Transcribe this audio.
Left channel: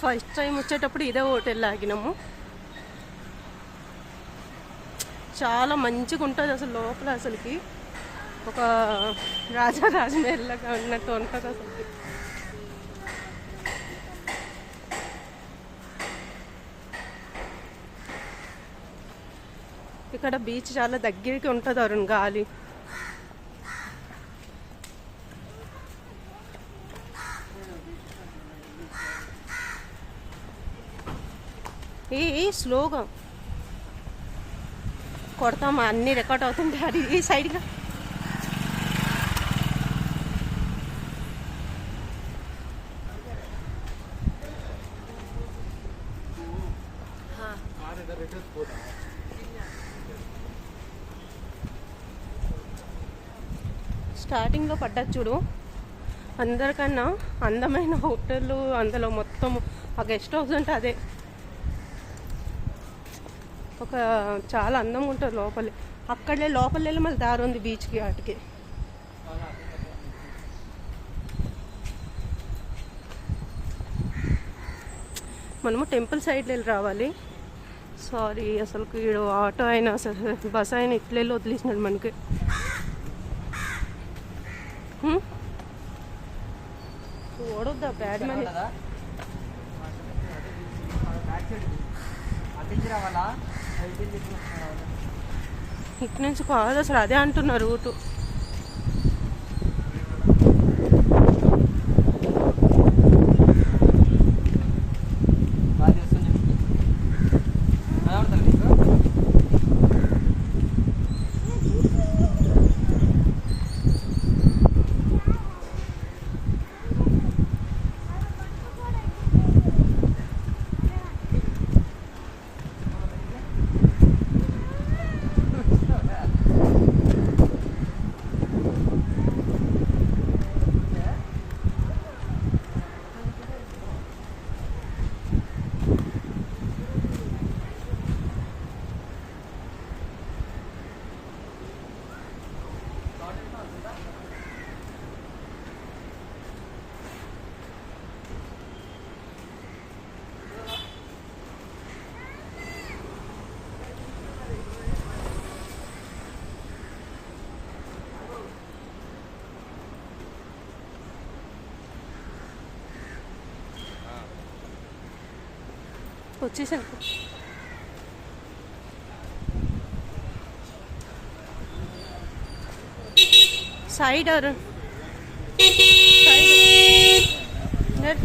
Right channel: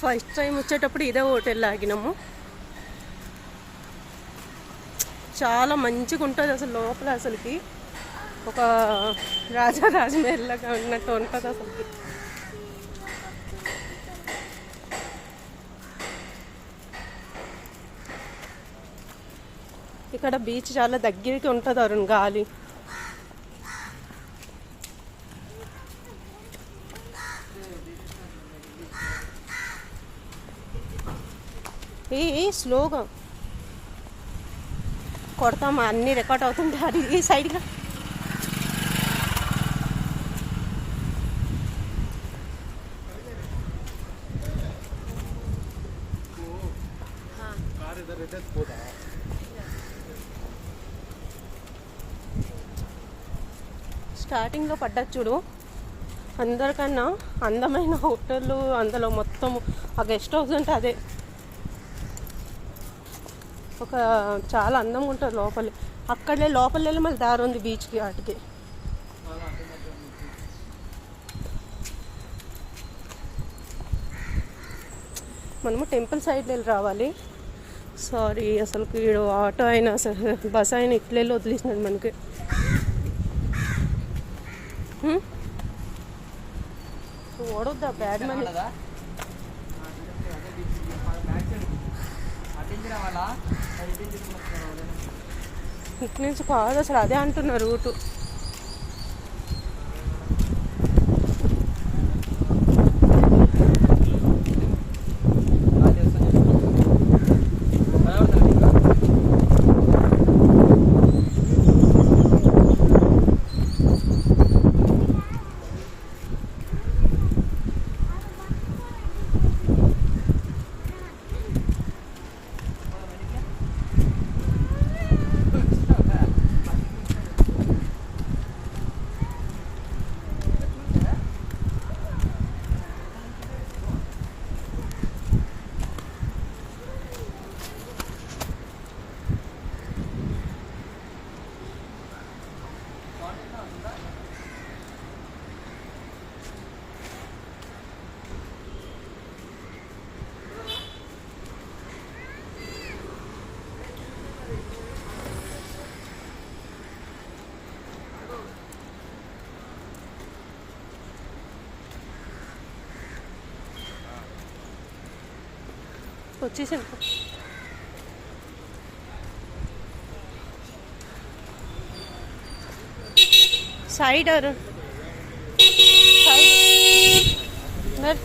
First time వచ్చేటప్పుడు ఇదే hotel ఆగినాము. చాలా మంచిగా ఉంటుంది అసలు. లోపల అసలుకి ఒక రాజమహల్లాగా ఉన్నట్టు ఉంటుంది అసలుకి. ఇక్కడ బీచ్ చాలా దగ్గరికి ఉంటుంది అరుణ్. గాలి ఏ స్లోగా కొడతామా, అన్నీ రికార్డ్ అవుతుంటే. అది ఈ సైడ్గా స్టార్టింగ్లో పడ్డది చూడు. అందరికన్నా అందమైన హోటల్ అందులో మొత్తం ఆ గెస్ట్ హౌస్ అంటే అదే. ఒక చాలా అందంగా ఉంటుంది లోపలి. అక్కడే లోపల వెళ్ళి మళ్ళీ దారి ఉంది బీచ్కి. వాటికి మనము టెంపుల్ సైడ్ వెళ్ళి రావాలి. సారీ, అసలు ఆటో అయినా బస్ అయినా ఇట్లా వెళ్ళి వదిలేసినాడు మనకి. ఓడొద్దా బ్యాడ్ మనీ. ఇటు నుంచి కాదు అసలు, అదే అంటున్నారు రూటు. వచ్చేసాను. Side side